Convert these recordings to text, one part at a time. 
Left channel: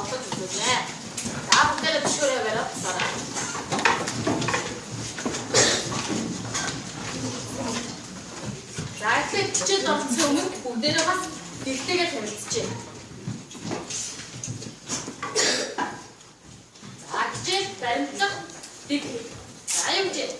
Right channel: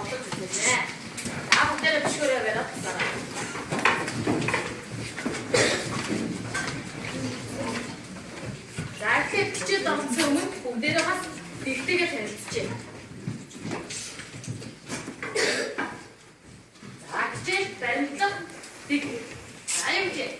тоглож үзлээ. За бүгдээ бишгээрээ бариад тасаарай. За эхлээд хичээл орсон өмнө бүгдээрээ бас бэлтээгээ танилцчихъя. За хичээл баримтлах дэг. За юм жий.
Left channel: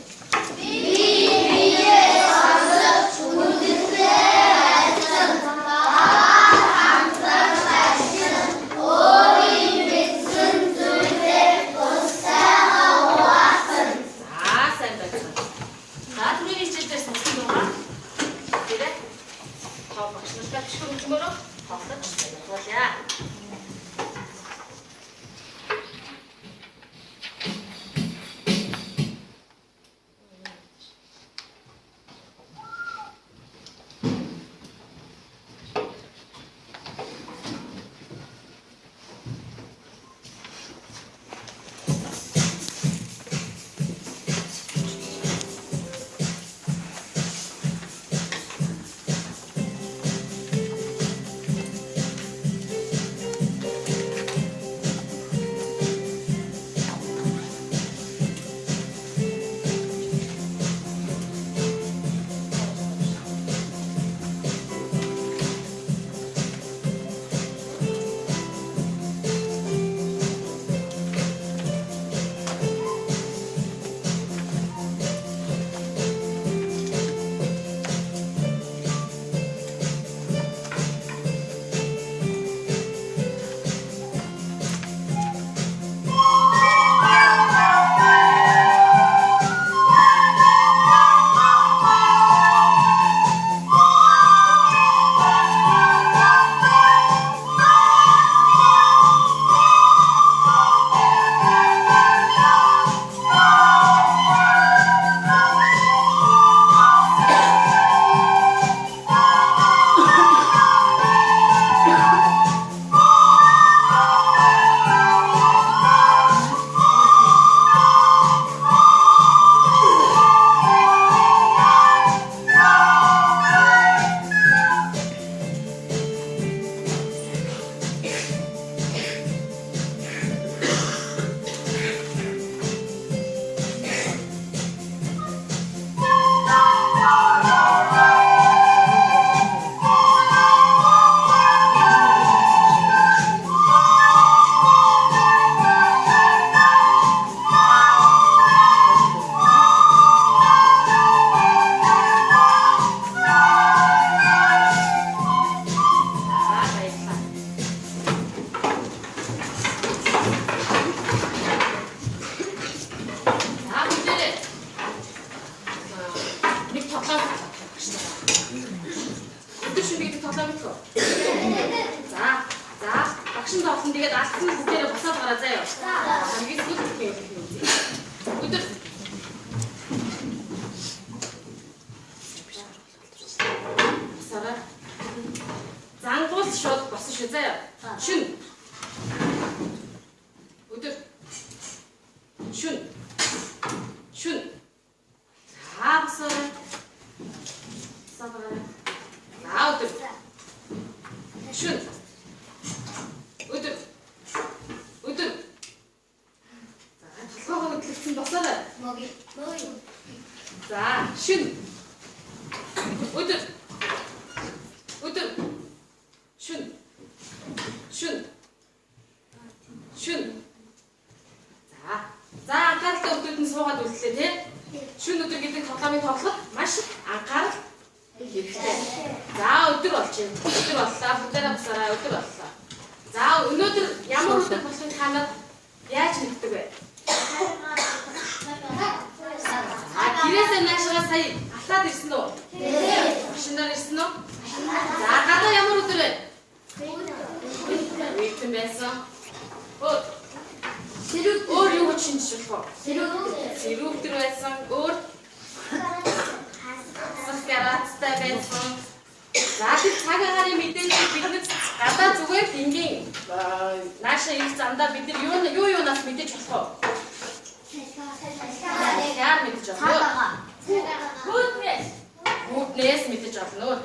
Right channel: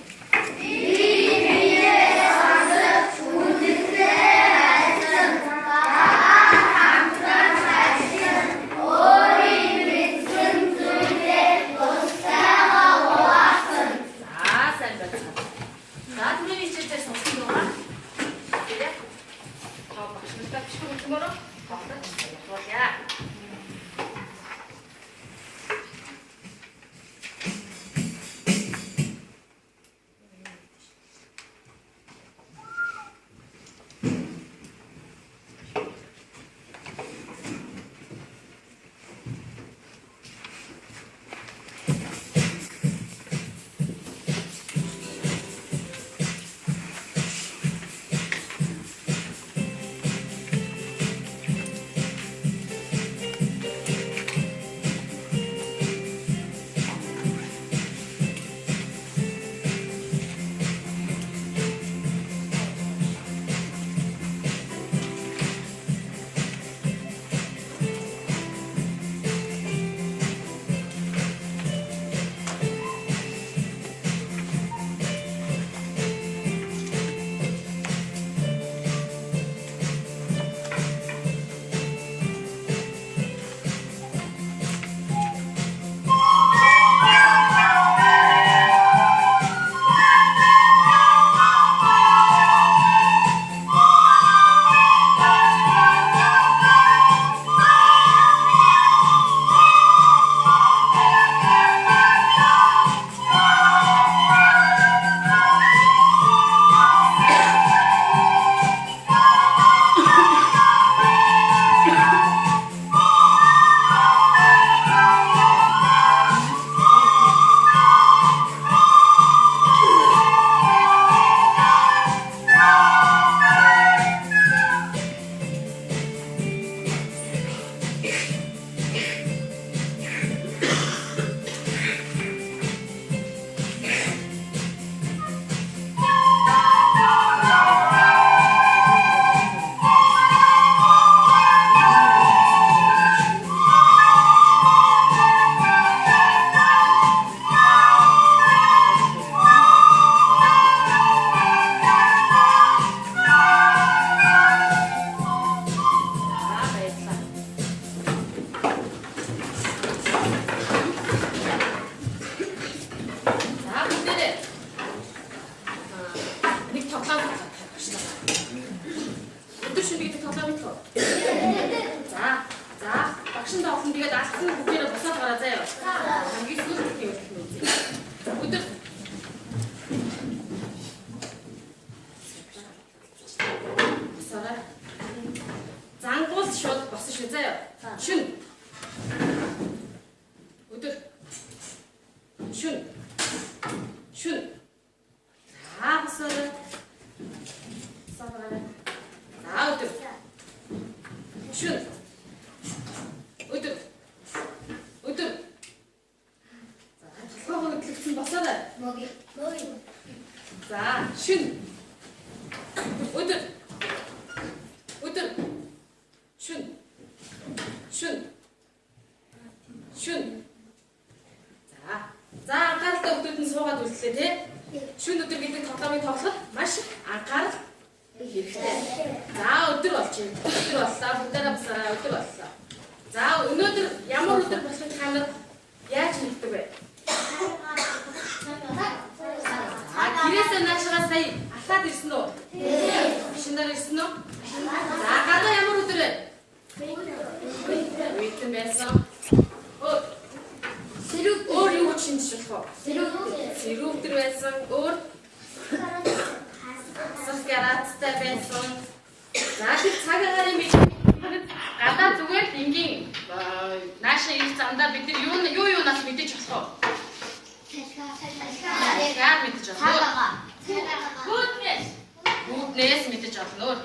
Гүднээс мэдэж олно.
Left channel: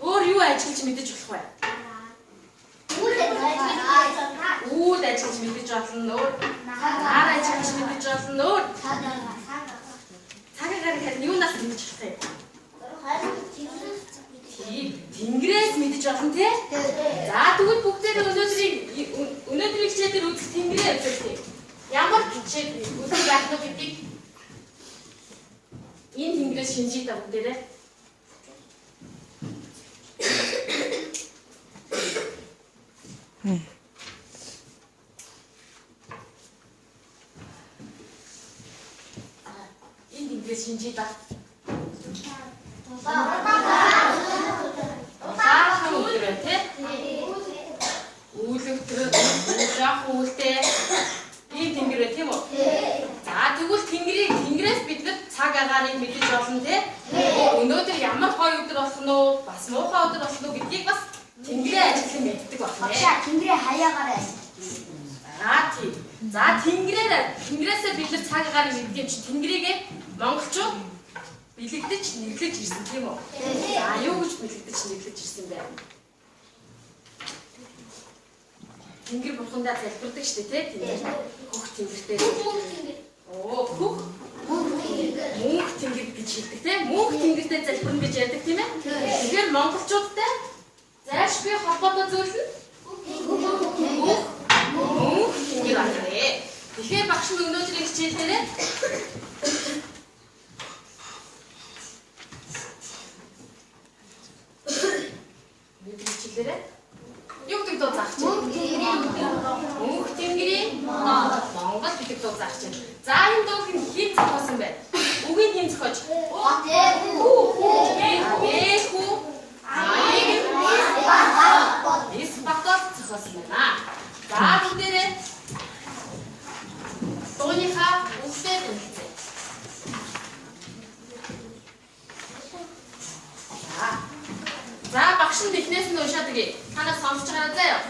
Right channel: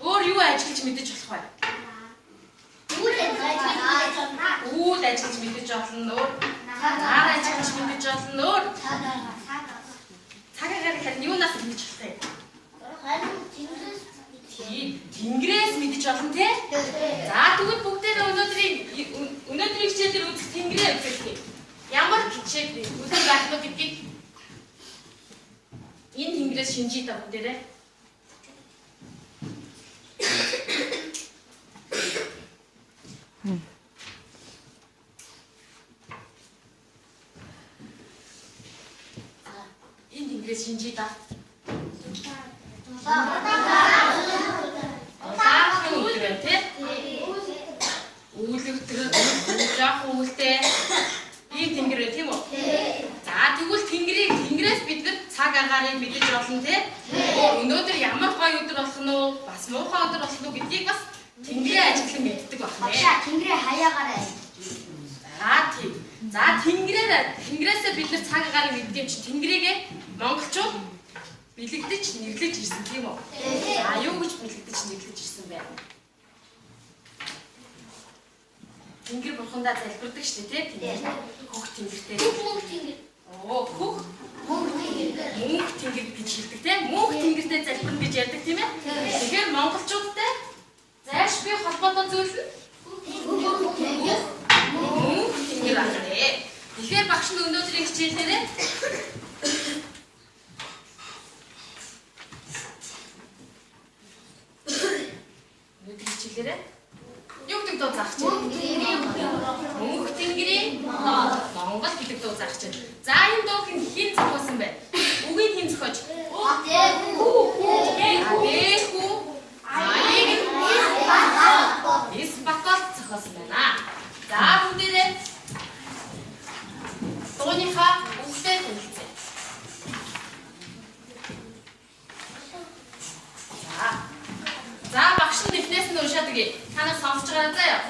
Өөр юу ажиллаж мэдэж болох вэ? үүд ажиллаж мэдэж болно өөр. Нар ажиллаж мэдэж болно өөр. Цагаагаар харин юунаас мэдэж болох юм? Тэнгэрээс мэдэж болно те. За тэгвэл бүгдээ өнөөдрийн хичээлээр үзэх тэнгэрээ үзүүлэх. Ямар хичээл үзэх яах вэ гэдгийг энэ тэнгэрээс шинжиж та бүгдээрээ. Энэ тэнгэрээс шинжиж та. Үүлтэй ийм тэнгэрээ тийм үү? За тэгвэл тэнгэрээс бид нар цаг агаарыг мэдэж болно те. Өнөөдөр ямар гоё өдөр болох нь уу? Бас муухай өдөр болох нь уу гэдгийг бас тэнгэрээ ажиглан мэддэг байна. Тэнгэрээ хаяагаараа. За тийм. За тэнгэрээсээ бид нар цаг агаарыг мэддэг чинь тэнгэрийгээ монголчууд бэлэгдэж нэглэж ирсэн тийм үү? За юу гэж бэлэгдэж нэглэж ирсэн бэ? Тэнгэр бурхандаа залбирдаг шүү дээ тийм. Хөх тэнгэртэй. Оо хөх мөнх тэнгэр гэж хэлдэг тийм. Мөнх тэнгэртэй залбирна гэж ярьдаг тийм ээ. Тэгэхээр монголчуудтай зайлш бие холбоотой зүйл нь мөнх тэнгэр байна. Тэгэхээр багш нь өнөөдрийн хичээлээрээ юу гэдэг дуу заах чинь? Мөнх тэнгэрийн Монгол гэдэг дуу заах чинь. За энэ дууг хэн зохиосон бэ? Үгийг хэн зохиож? Испатол зохиосон байна. За бүгдээрээ дууныхаа үгтэй хэлцээ. За багш нь эхнээс нь уншаад өгье. Танаас сонсож байгаа заяа.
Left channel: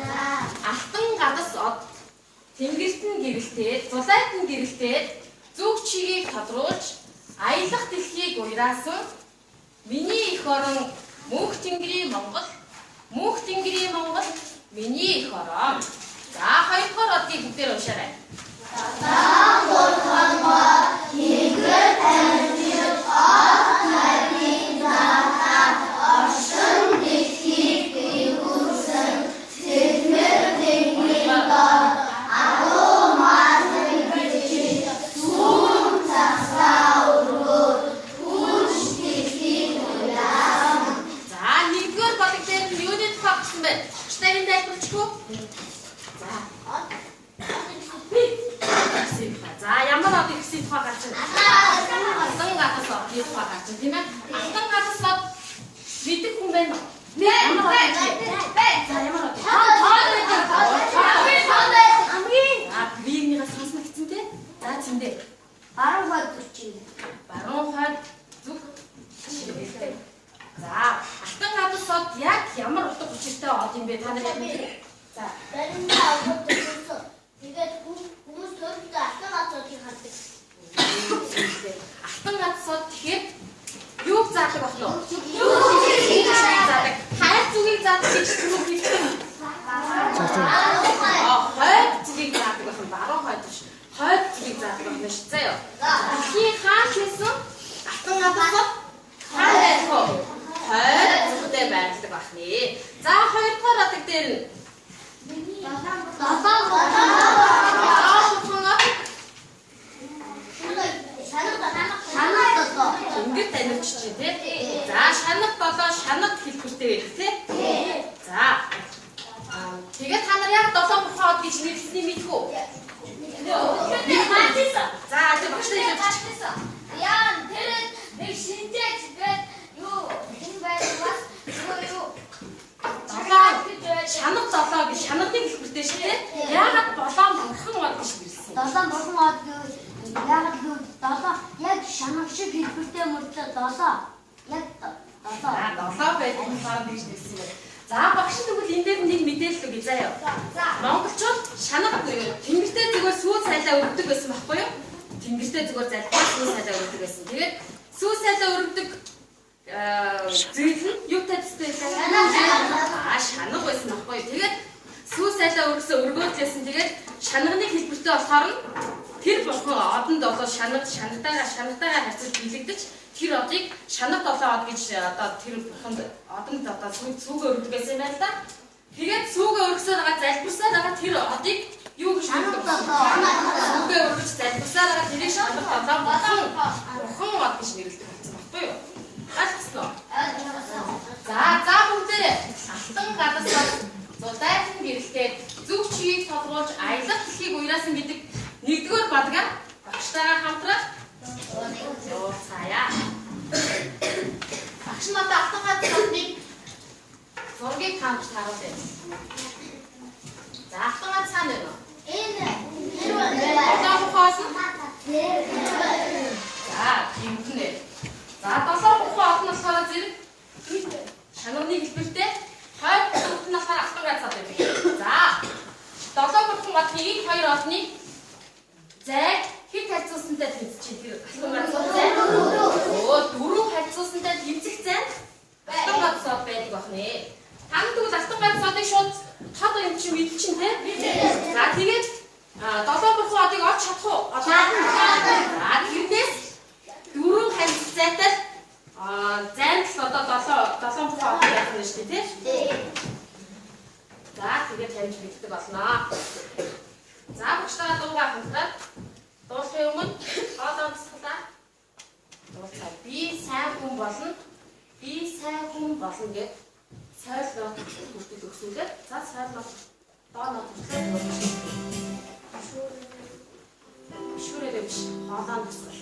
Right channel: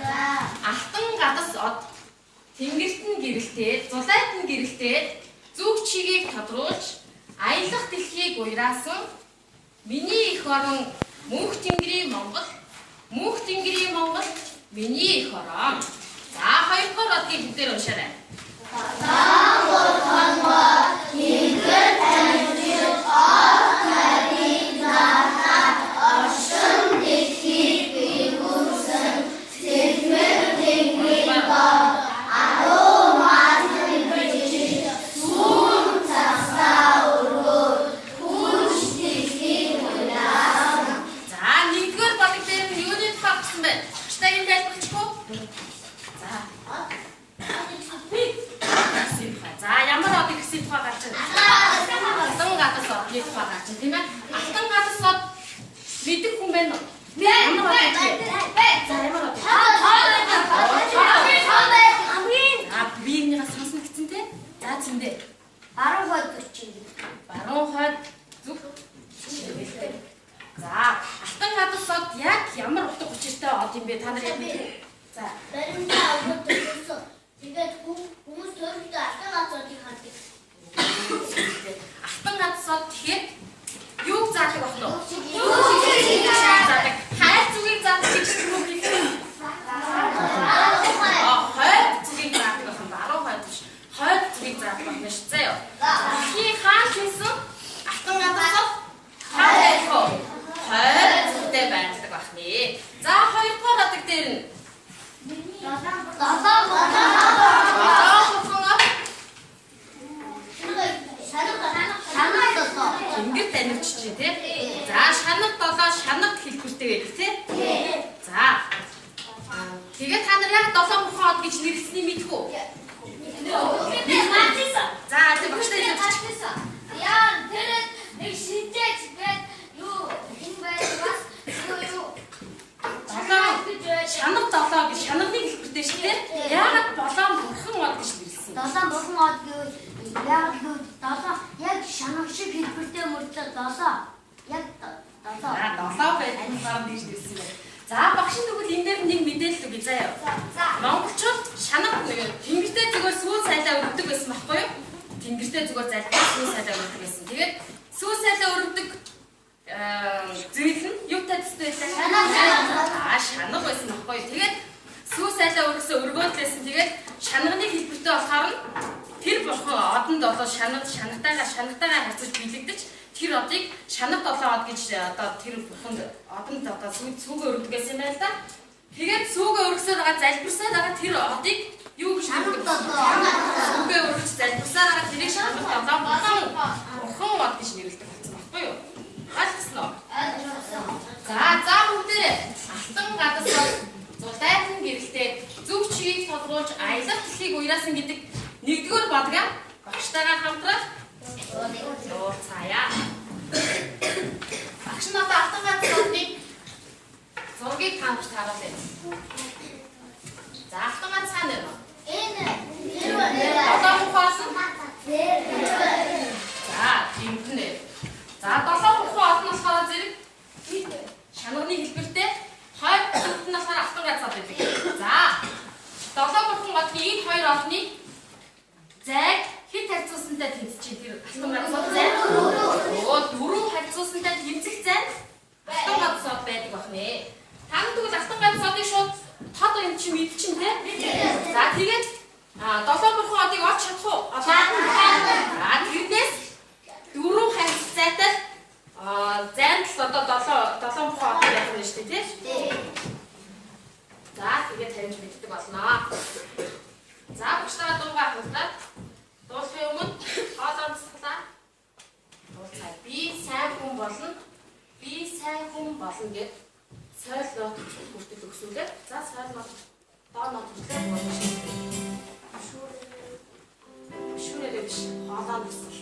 Алтан гадас од тэнгэрт нь гэрэлтээ, зулайт нь гэрэлтээ, зүг чигийг тодруулж, аялах дэлхийг уйраасан миний эх орон мөнх тэнгэрийн Монгол, мөнх тэнгэрийн Монгол миний эх орон. За хоёрдугаар одгийг бүгдээр уншаарай. Тэнгэр танилцж од харин заахад оршин дэлхийг бигүүлсэн сэлмэр тэнгэрийн бод аруу маасан бичиж сүүн цагсаа өргөөр хүч дэлхийг уйлаасан. За нэгдүгээр бодог дээр нь юуны тухай гэсэн бэ? Багштайгийн тайлбарлахгүй. За ямар од ихсийн тухай гарч байна? Алтан гадас одны тухай гарч байна тийм ээ? Алтан гадас од мэддэг хүн байна уу? Ямар од вэ? За ямар од? Биенийгээ сонсно гэсэн тийм? За зэндээ. Баруун хойд зүг. Баруун хойд зүг. За алтан гадас од яг ямар утга учиртай од юм бэ? Та нар яг мэдээ. За Баримтаа аваад төсөв. Тэгээд хүмүүс төрөлдөө алтан гадсуудыг хардаг. Алтан гадсууд тэгэхээр юуг заадаг байна уу? Юуг заадаг? Хайр зүгийг заадаг гэж түрүү хэлсэн. Хойд зүгийг заадаг байна. Баруун хойд биш. Хойд зүгийг заадаг байна шүү дээ. Дэлхийн хаан гэсэн алтан гадсууд хойд зүгтээ байрладаг байна. За хоёрдугаар адаг дээр нь Тэнгэр танилцж чинь тий. За шанаг болоо шанаг хэлбэртэй байдаг тий. За тэгээд та нар яг 7 мухаа од гэж нэрлэсний мэдэх үү? За тийм багштай хэлсэн. Яа тэр нэг шинжээч гээд юу хэн байвас юу шанаг 7 гэж шанагны хэлбэртэй шүү дээ. Яагаад 7 бурхан од гэж нэрлсэн? 7 бурхан од гэвэл яагаад гэвэл 7 яг шанаг шиг хэлбэртэй мөртлөө 7 яг 7 байдаг сав гэж нэрлсэн байна. За багш тэгвэл энэ дээр нэг мэдээлэл өгье заяа. Монголчууд шанаг буюу тэнгэртэй зүгээр сүүл сайлаа өргөдөг гэсэн баггүй юу? Тэнгэртэй зүгээр залбирал сүүл сайлаа өргөдөг гэсэн. Тэгээд сүүл сайлаа өргөдөг зүйл нь юу тацтай байсан? Шанаг байсан баггүй юу? Тэгээд сүүл сайлаа өргөөдлөөсөн шанагны хэлбэртэй болохоор тэр бурхан одонд одоо шанагтайгаа харьцаж биелэгдэж тэр одыг шанагт 7 од гэж одоо тэр бурханд одонд одоо цүгээ өргөдгөөс юм байна л да. Тэгээд цүгээ өргөсөөр байгаа залбирсаар байгаа тэр одыг юу гэж цүгээ өргөж залбирсаар байгаа тэрийг шанагт 7 бурхан од гэж нэрлэдэг болсон баггүй юу? Алцлоо. За бүгдээрээ алтан гадас зулайтан гэрэлтэй зүг чигийг тодруулж аялах дэлхийг уяасан гэдэг нэгдүгээр бадгаа багштайгаа хамтраад цаая. Багш нь одоо алтан гадас зургийг харуулж харуулъя. За алтан гадас цаана байна. Одоо ухаасан. За гимтнэ. За 7 бухан од нь болохоор зэрэг шанагны хэлбэртэй 20 од нь болохоор алтан гадас од байдаг. За 7 бухан одны энэ хоёр одны зайг хэд харьцуулсантай тэнцэж тэр алтан гадас од зай? Дөрөв харьцуулсантай тэнцэх зай алтан гадас од байдаг бахнэ. Танд тэгвэл алтан гадас одыг шууд тод юм чи мэдчихэн те? За тэгээд 7 бухан одыг олж чадах уу? За тэрнээс дөрөв харьцуулсан зайтай зайд л одоо 7 бухан од байх нь шүү дээ тий? За тэгээд тавьж мэддэг болно. За багштайгаа дуугаа хамтраад дуулахын өмнө хоол онцлоо. Дуулаа. Би сайн хүн болно. Би сайн хүн болно гэж сойлоо хүртэл өгсүүлээд за сойлоо дооноо хүртэл шүүрээ биш хоолоо онцлоо.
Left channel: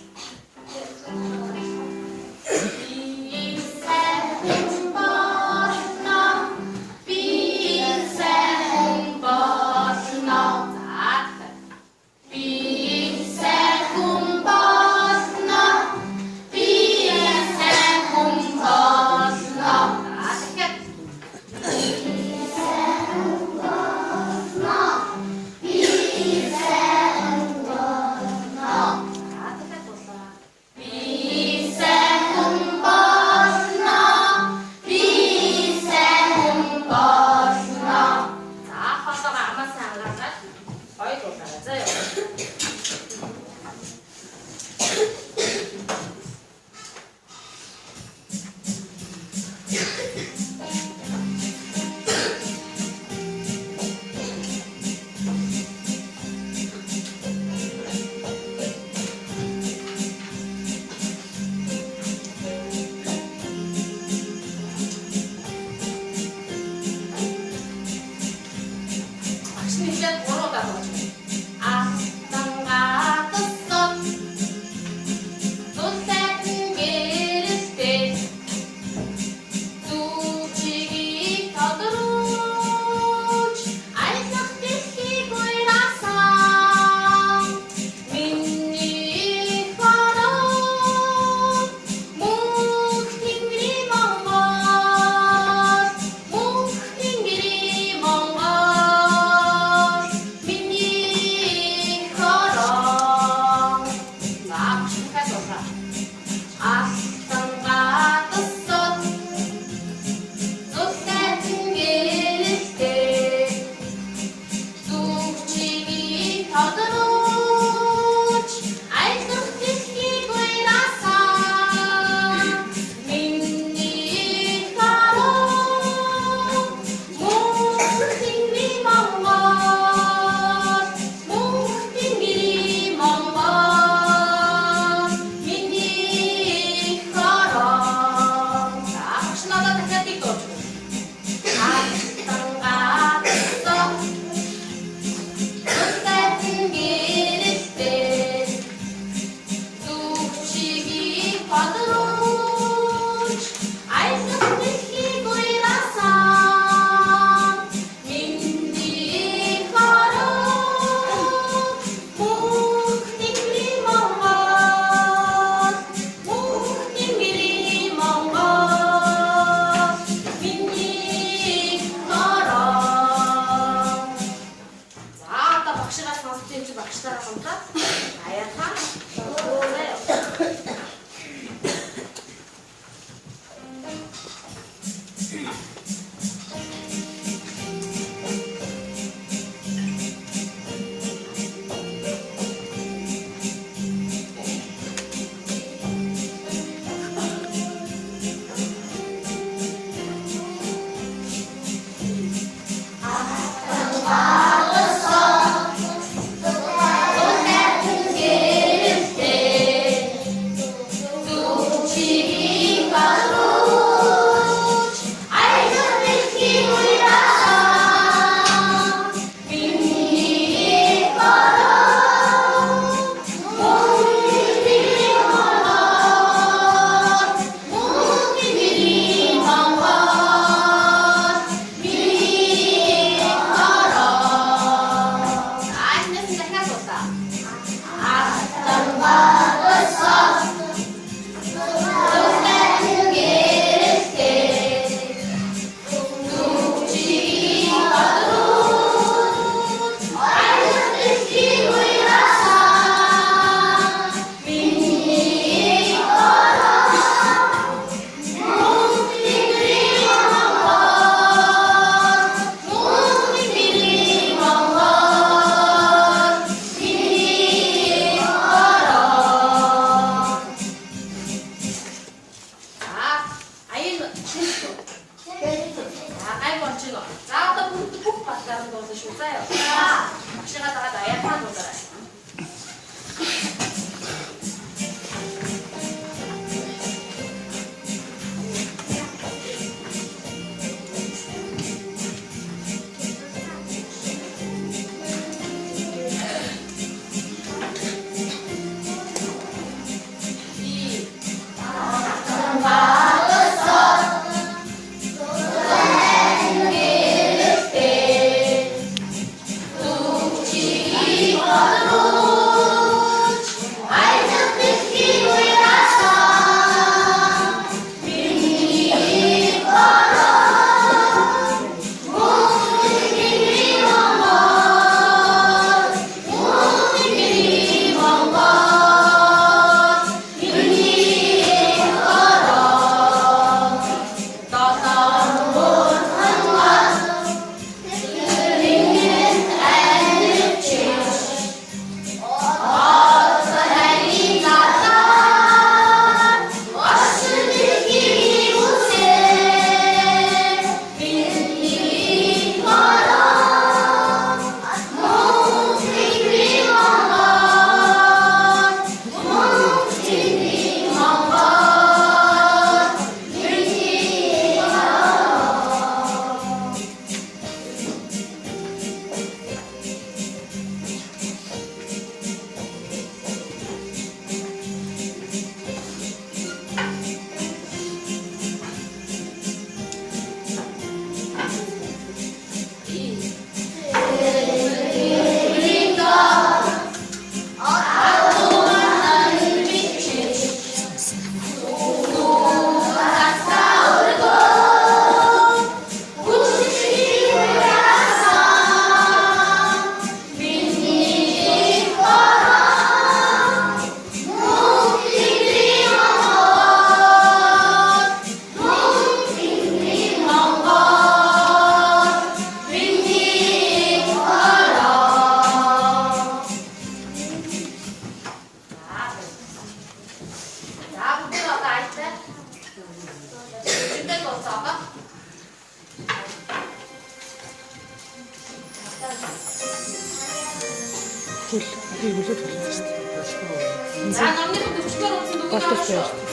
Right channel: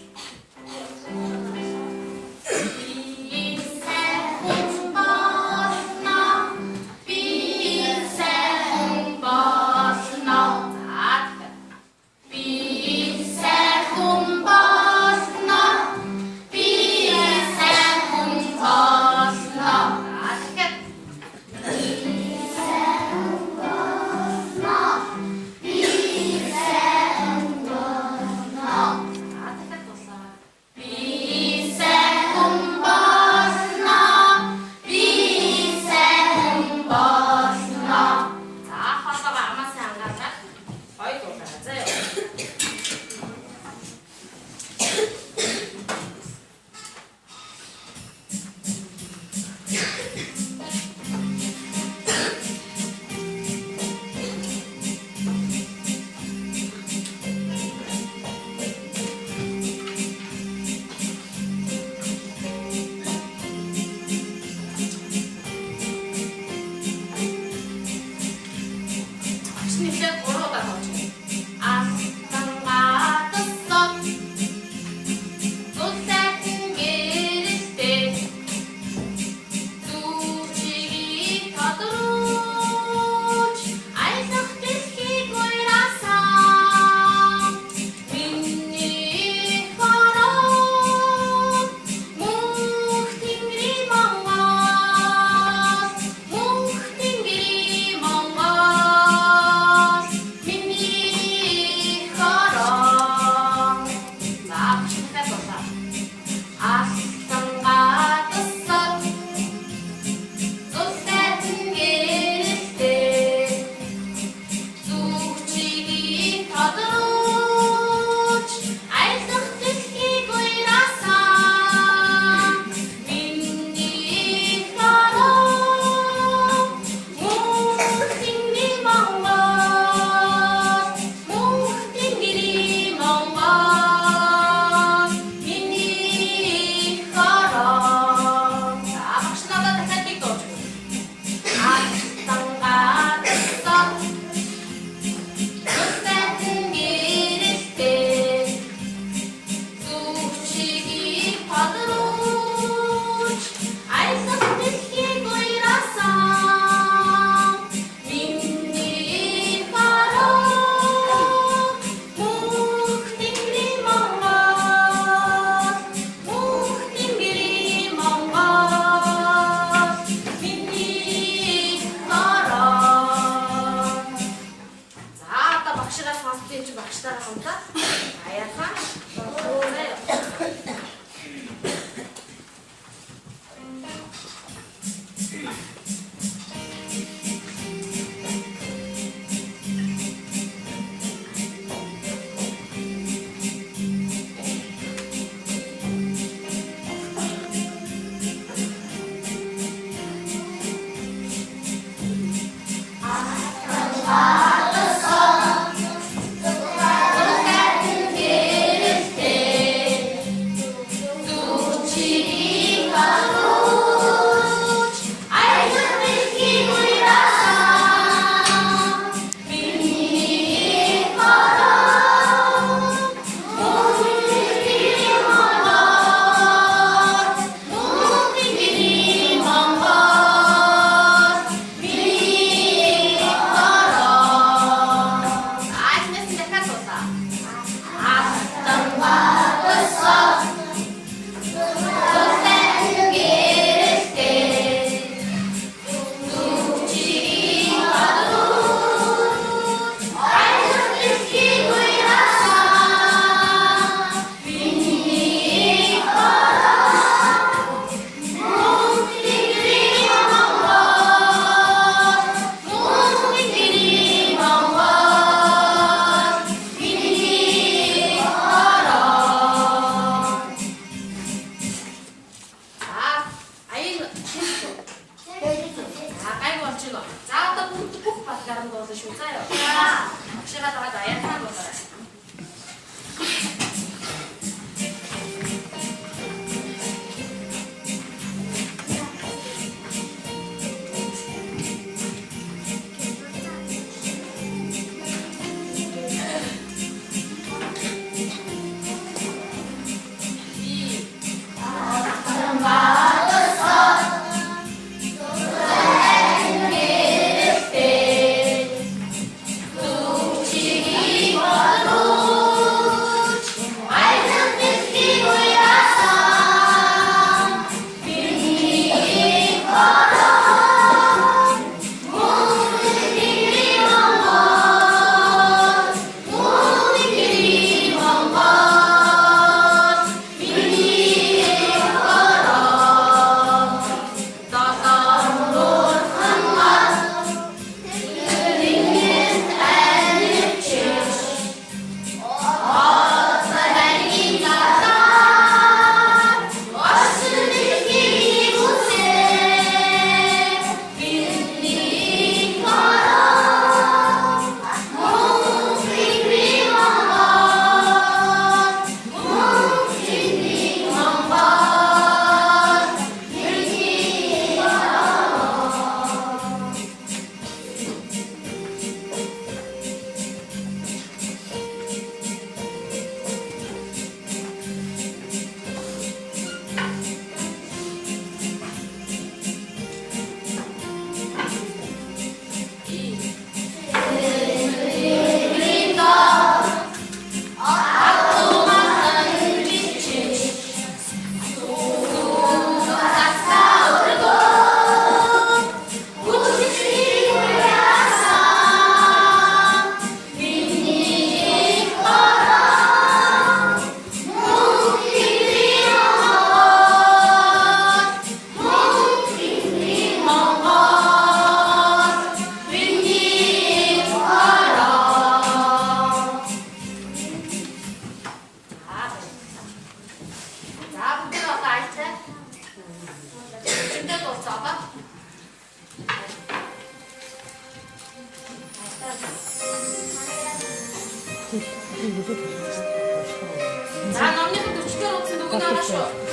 박씨 가다가 나의 하나 더 그래. За номныхын 40-оор утсан дүгнээ ороо шүү.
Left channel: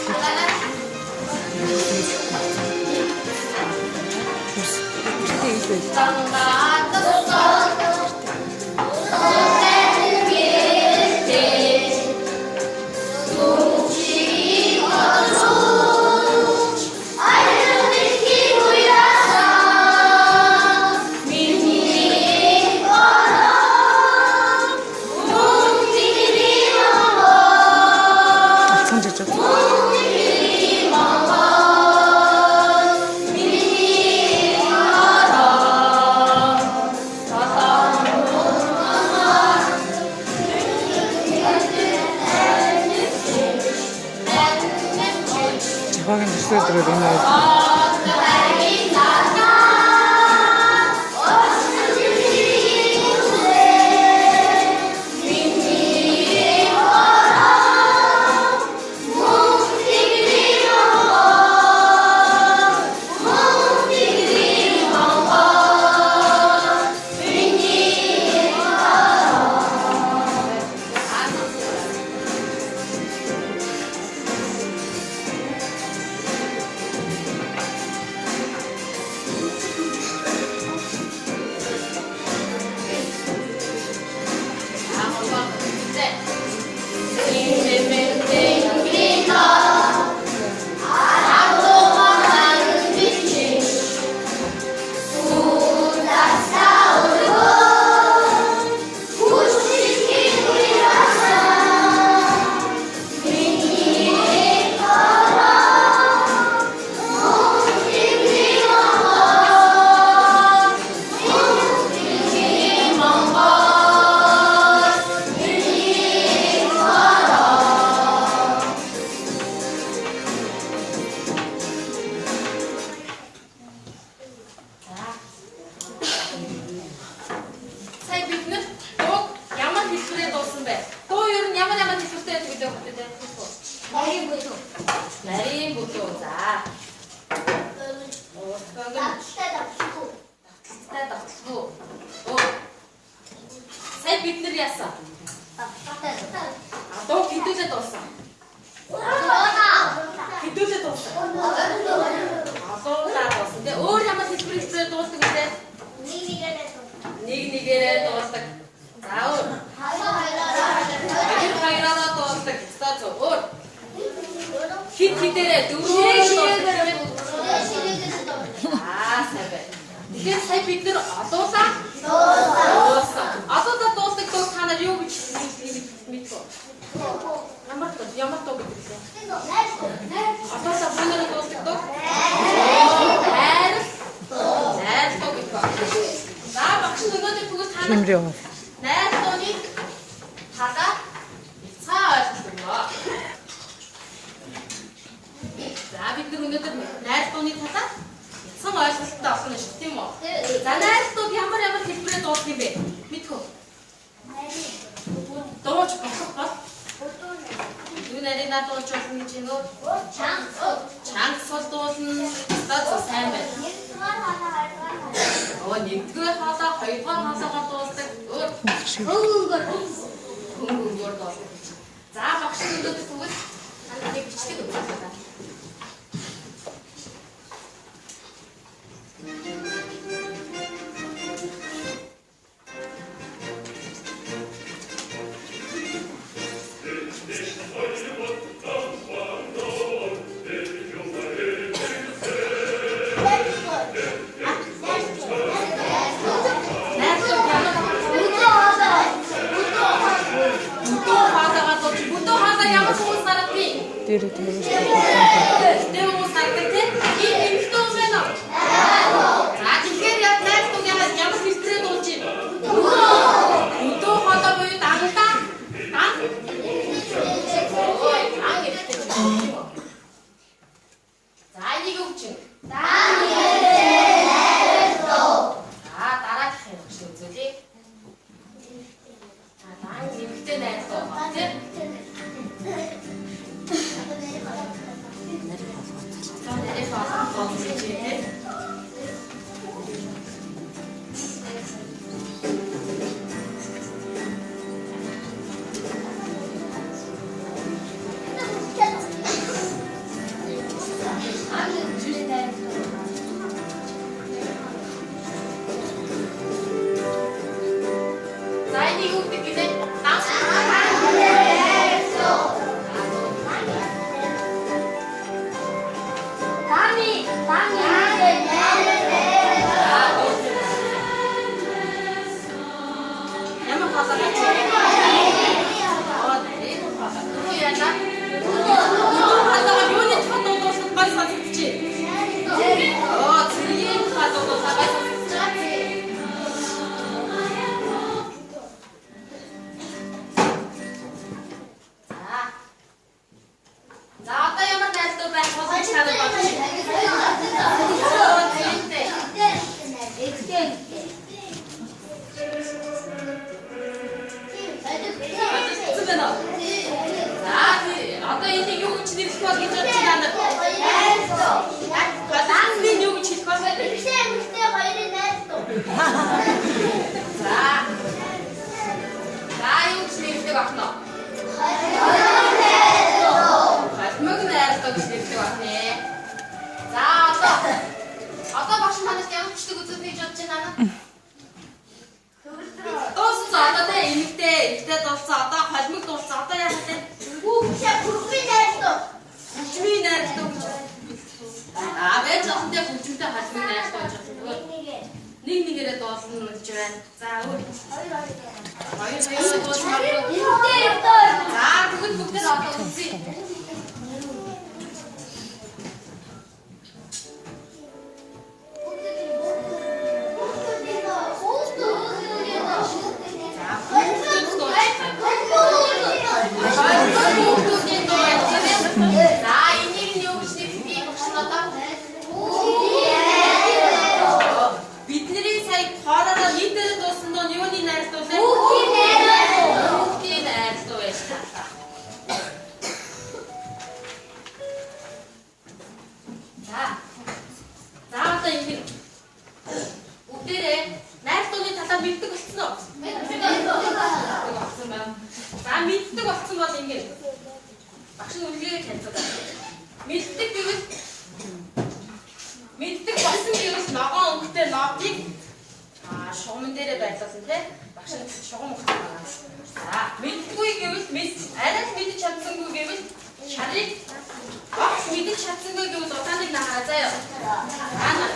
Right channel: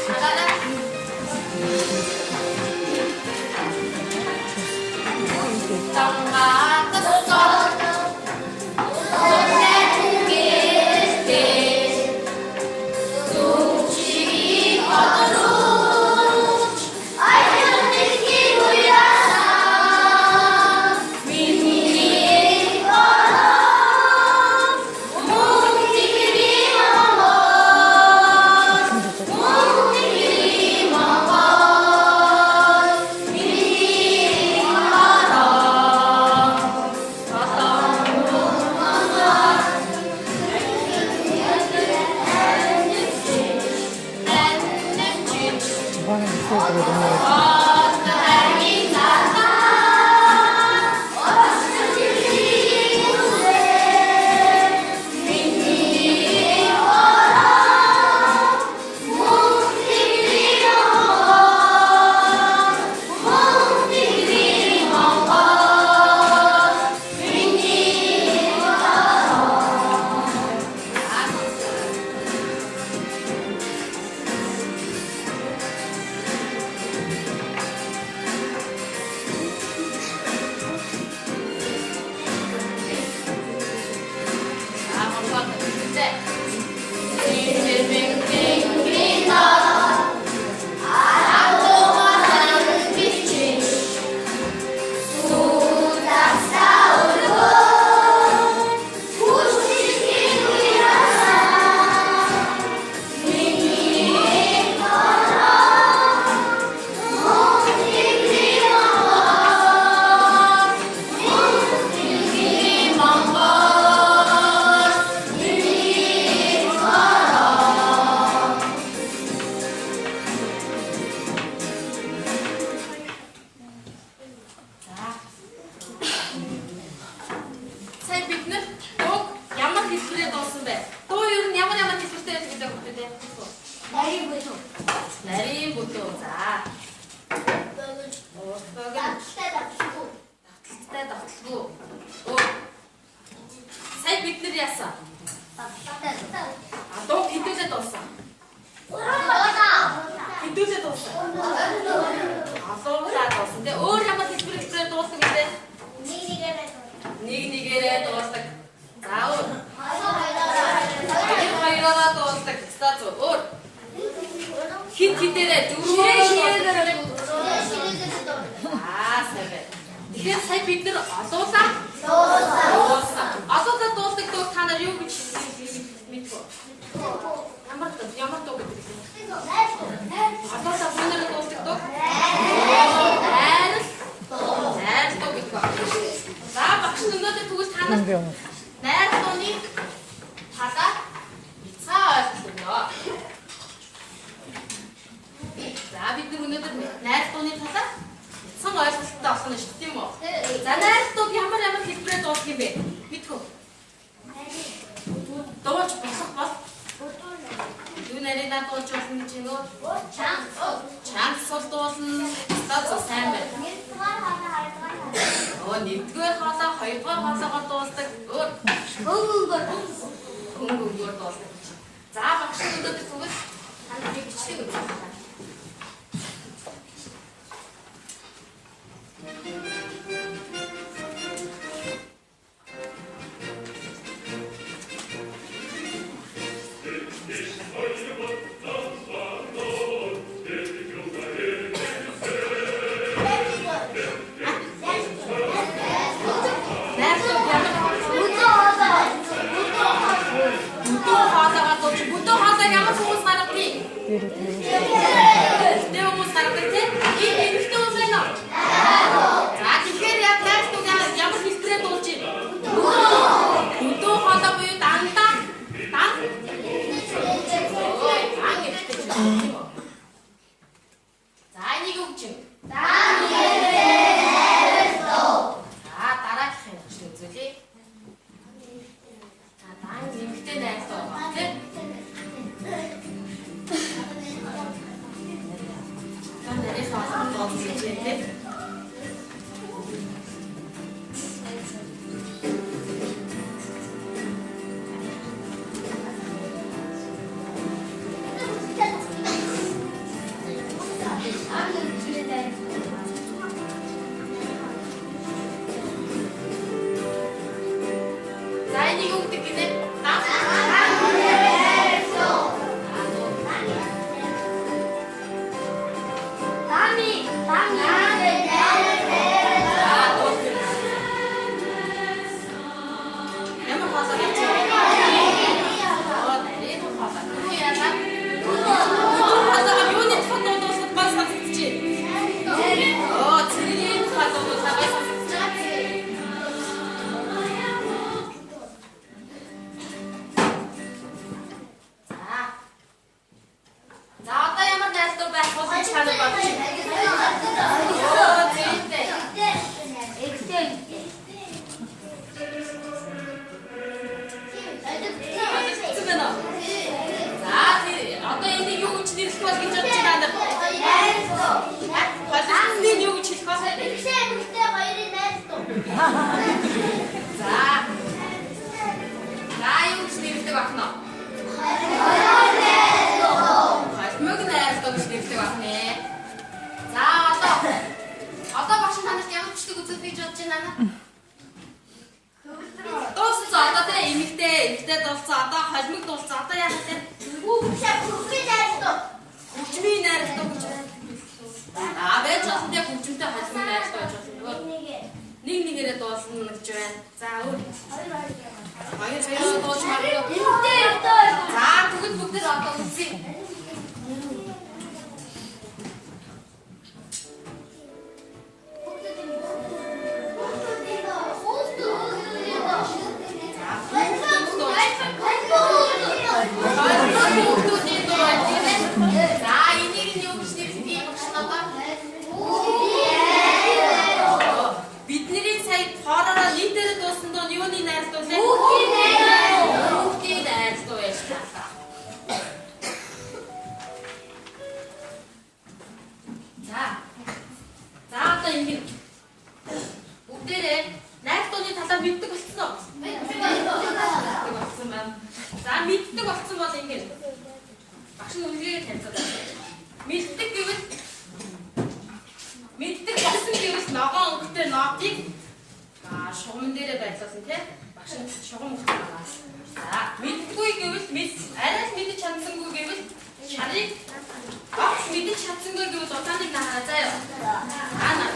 сая бид нар яасан? Адуу хэдүүлээ дууссан. Хэдүүлээ дууссан. Алуулаа дууссан. Тэгээ өөр ямар хэлбэрээр дууссан гэдэг? Нэг нэгээрээ дуусдаг. За өөр. Хоёроо дуусдаг. За өөр. Хит хитээрээ дөрөв дуусдаг. Сайн байна. Тэгэхээр сая бид нар алуулаа дууссан. Алуулаа дуусдаг дуу та нар юу гэж мэдвэ? Ямар дуу гэдэг вэ? Алуулаа бүнээр дуусдаг дуу? Найр дуу гэдэг ба. За багш өнөөдөр тэгвэл та нар найр дууны хадаа цаа ойлгосноо. За бид нар өнөөдөр найр дууны хадаа сон ойлголттой авсан шүү, тийм үү? За найртууд ямар хэлбэрээр дуусах юм бэ? Мэдхүү. Дууч босох бол юу нарийнаа дууч болно гэж нөө? Чанга сул дуусна. За сайн байна. Нэгдүгээр хоолой, хоёрдугаар хоолойгоор дуусдаг. Өөр хөнгөнгөөр дуусдаг. За багш өнөөдөр тэгвэл нэг бичлэг өгсөн. мэддэг болсон бол ингэ. Багш нь үлгэрийг танилцуулаад. Мэддэг гэвэл мэддэг болсон гэвэл ногоон өнгөтэй нотыг шугамн дээрээ байрлуулсан тийм багш нь шугам өгсөн байгаа. За мэдгүй гэвэл арай л мэдэж чадсангүй гэвэл чарыг багш мэдэж чадсангүй гэвэл удааныг нахаа заяа. Ана.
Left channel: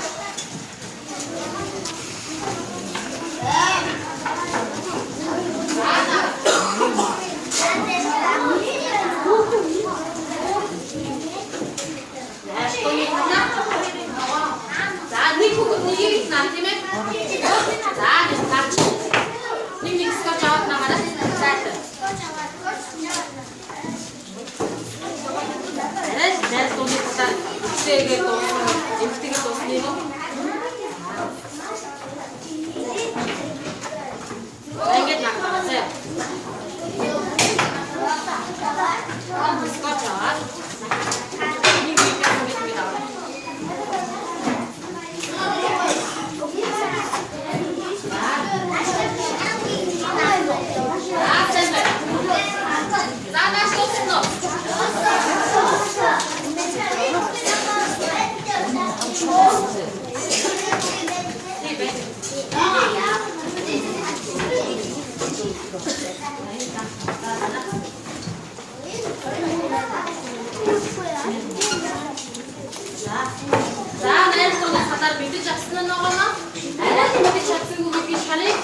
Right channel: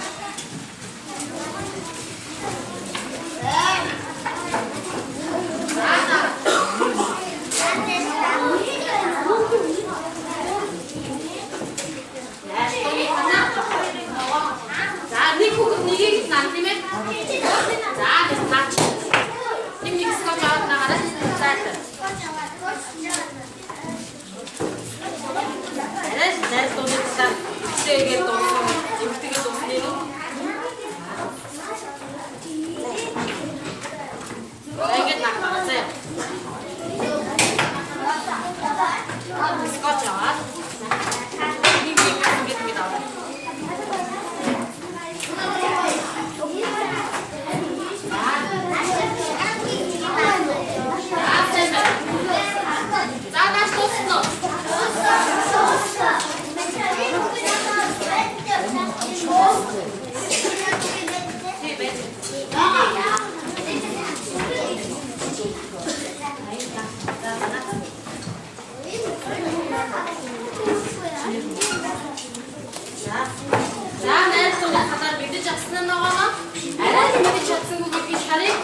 За нэг хүүхэд нэгийг наа тийм ээ. За нэг наач. Нэг скотч аваад наагаараа зайлшгүй. Арайс дуусах тэгээд дуусах эмхтэйгээ дуусна юм. Ингээд наагаараа заяа. Скотч аваад нэг ингээд аваа. За наш дуусна. За найрсан хадаар мэдэж авсан нь байгаа. Арай мэдэж чадсангүй би шарыг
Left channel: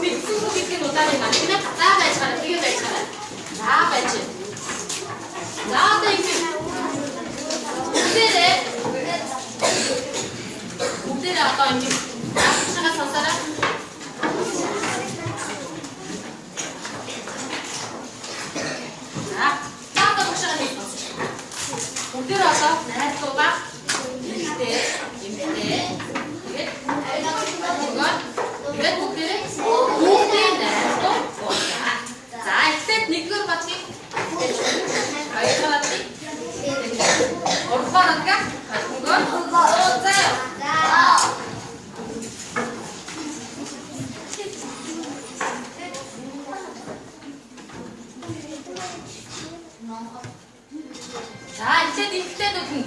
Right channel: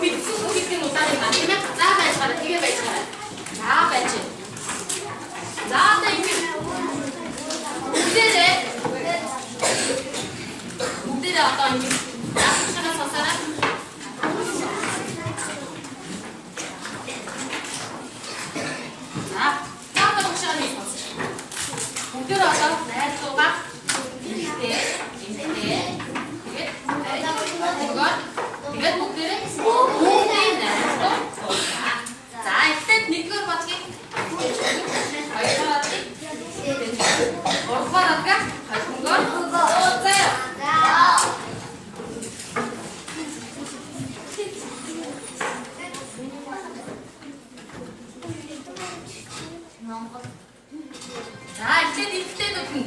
мэдсэн үгийн удааныг гэх юм. За байцгаараа тэгээ байцгаараа. За байч. За одоо ингэ. Бүгдээрээ одоо ингэ. Ашигшгаа сонсороо. За одоо ашигшгаа нэг сонс. Бүгдээрээ одоо найрлуугаар ихтэй. Тэгээд бүгдээрээ найрлуу. За ихтэй нэгдүгээр батгийг хоёрдугаар батгийг гуравдугаар батгийг хоёрдугаар заяа. За ихтэй дүүхэн.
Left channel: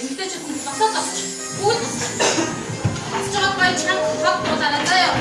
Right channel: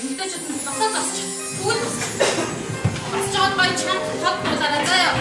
Эмэгтэйчүүд нь зогсож. Бүгд босч байгаа гоё чанга тод дуулаарай заяа.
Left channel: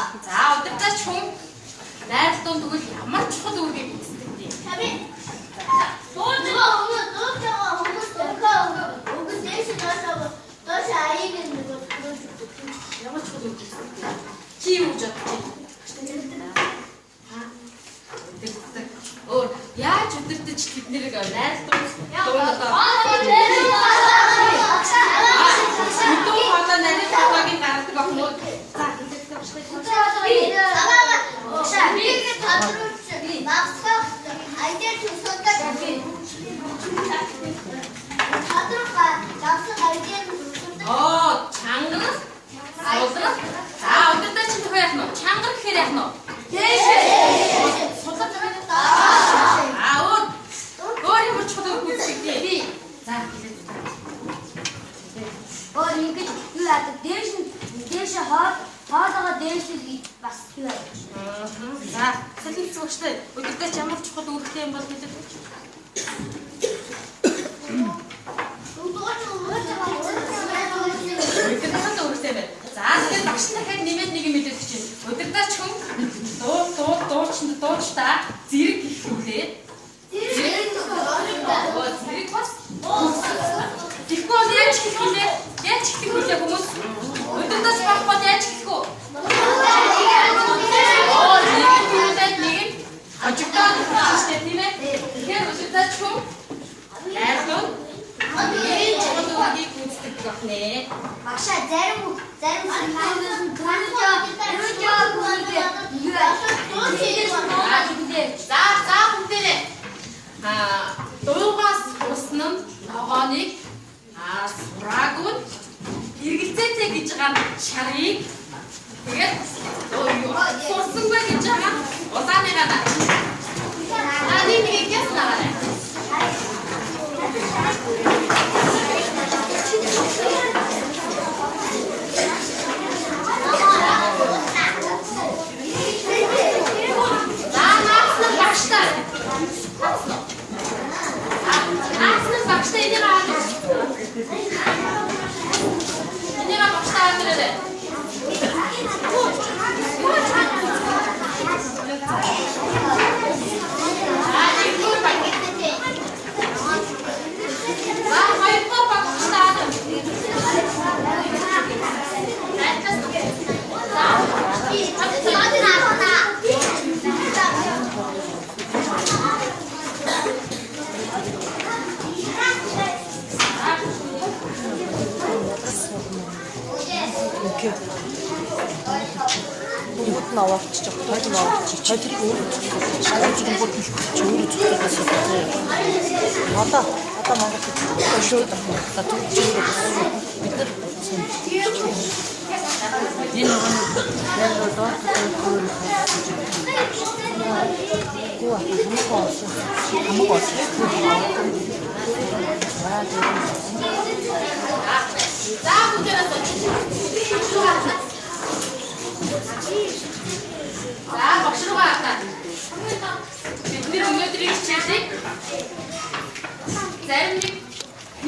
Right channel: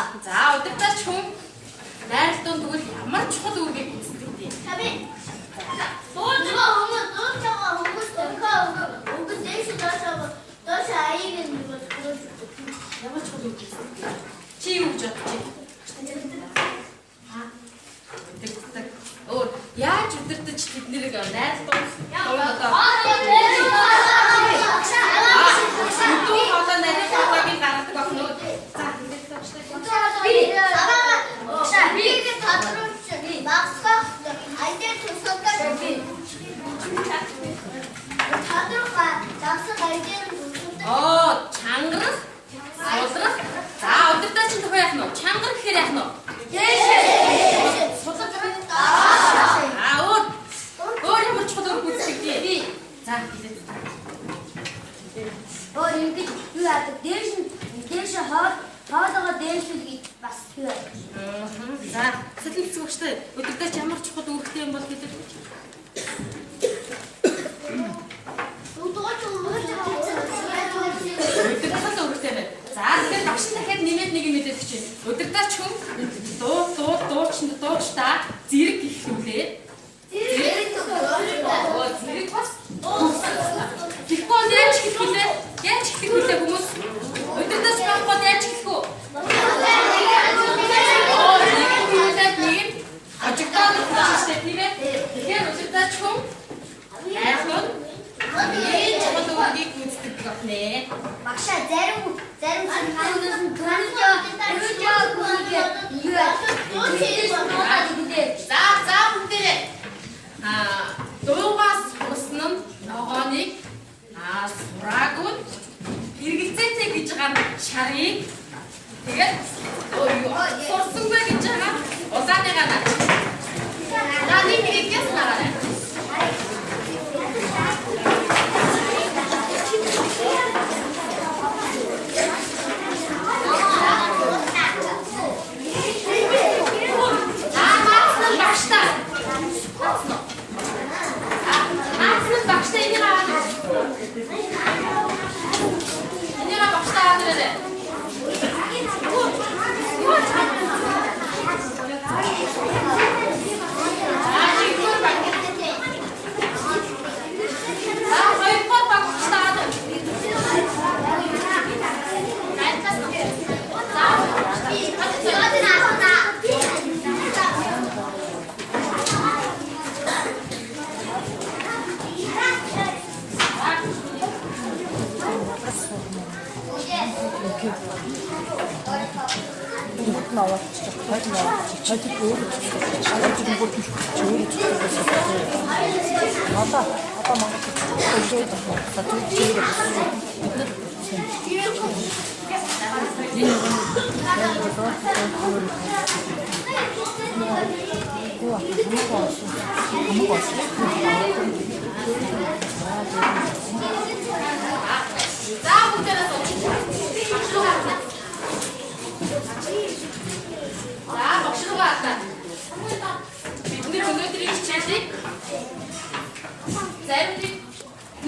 За удирдаач хүн найралтын тэгвэл ямар чухал үүргийг гүйцэтгэдэг вэ? Ямар чухал үүрэг гүйцэтгэдэг? Чи юу гэж бодож байна? Өөр яаж удирдах тэднийг найралтын чангар, суулрах. За удирдаач нь яах нь вэ? Чангар гэхээр яах нь вэ? Өөр ямар чухал үүрэг гүйцэтгэдэг вэ? За хэлээд. Өөр ингэж юу яадаг? Дээш хоолойгоо дээшлэл бас юу яадаг? За салхи зүгчтэй удирдаач ямар чухал үүрэгтэй юм бол хэлээд өгч. Удирдахад үүрэгтэй байна. За тэгэхээр багш нь дахиад нэмээд нэг юм мэдээд өгч байна. Удирдаач хүн дуучдаа зэрэг ихлүүлээ. Зэрэг бас тэгэхгүй яаж хэлэх вэ? Яаж хэлэх вэ хүмүүс? Удирдаач байхгүй яаж хэлэх вэ? Нэг ажигтаад хэлчихсэн тийм ээ. Тэгэхээр удирдаач хүн найралтын чухалуудыг гүйцэтгэдэг байна. Багшаа зарим сүрдээс нь За бүгдээрээ дуугаас усна нь ногооныг сураагүй эргэлзээтэй гэж байгаа шарыг тэгээд сурсангүй гэж байгаа улааныгаа нэг нэгээс нараа.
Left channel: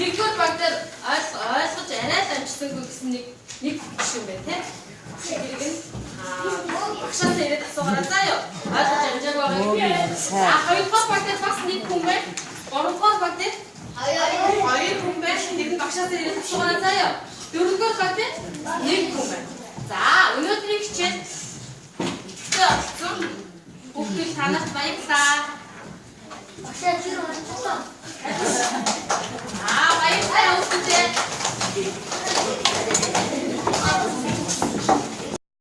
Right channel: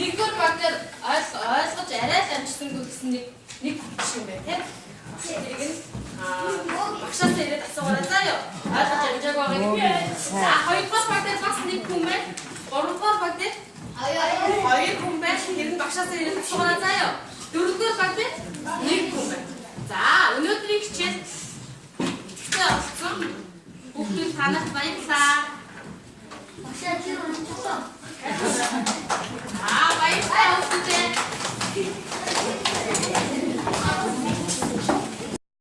Нэгдүгээр баг дээр ойлгож арай л амжсангүй гэсэн нэг жишээ байна тийм. Тэрийг нь багшаас ирээд асуугаарай заа юу. Ойлгож амжаагүй байгаа юм. За хоёрдугаар баг дээр бас нэг хүн байна. Гуравдугаар баг дээр хоёр хүн байна. Тэр нь багшаас ирээд асуугаарай заа юу. Дөрөвдүгээр баг дээр нэг хүн байна. За өнөөдрийн хичээл бүгдийг танах баярлалаа. багшаа тэр үнэхээр баярлалаа.